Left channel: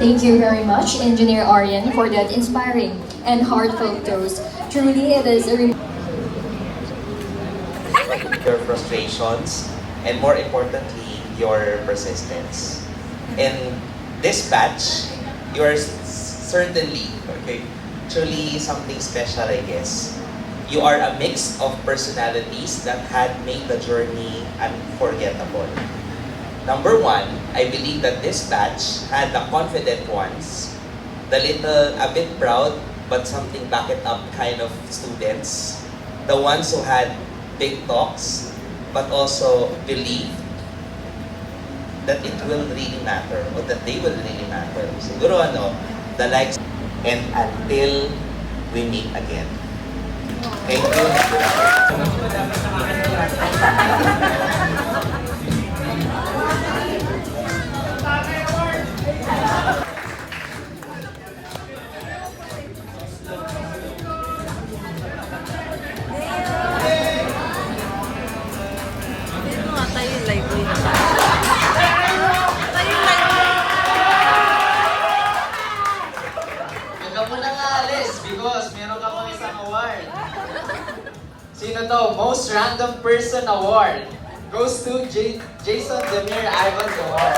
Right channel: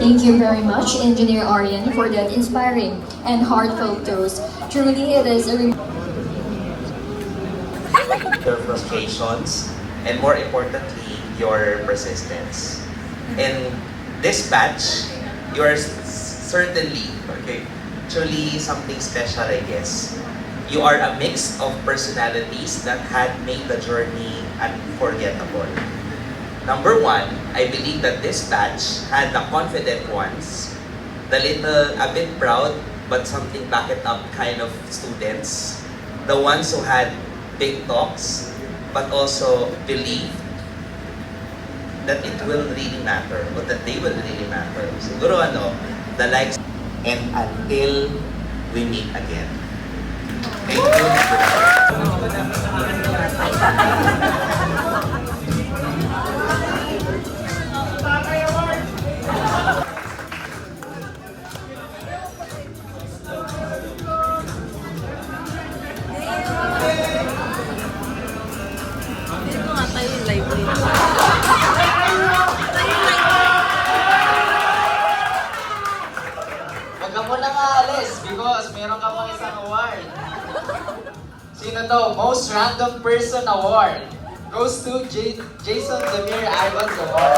Thank you very much, Engineer Arian, for that inspiring and heartfelt toast. Truly, it is a your frustrations, and more importantly, your persistence. In this batch, you are certainly, okay, truly something special, I guess. You are a mix of personalities that had made the journey unforgettable. Number one, I believe that this batch had the confident ones, the little, a bit proud, but something back it up kind of students, the ones who had big talks, but also believed that it will really matter, or that they will really matter. Siguro ano, the likes, and until we meet again. Thank you. Dito nga tayo yung library naman. Tayo yung library. Huwag ka muna nga alis because meron ka pang isang award. Sino to? Most Random Person Award goes to Jason Demir Ivan Award.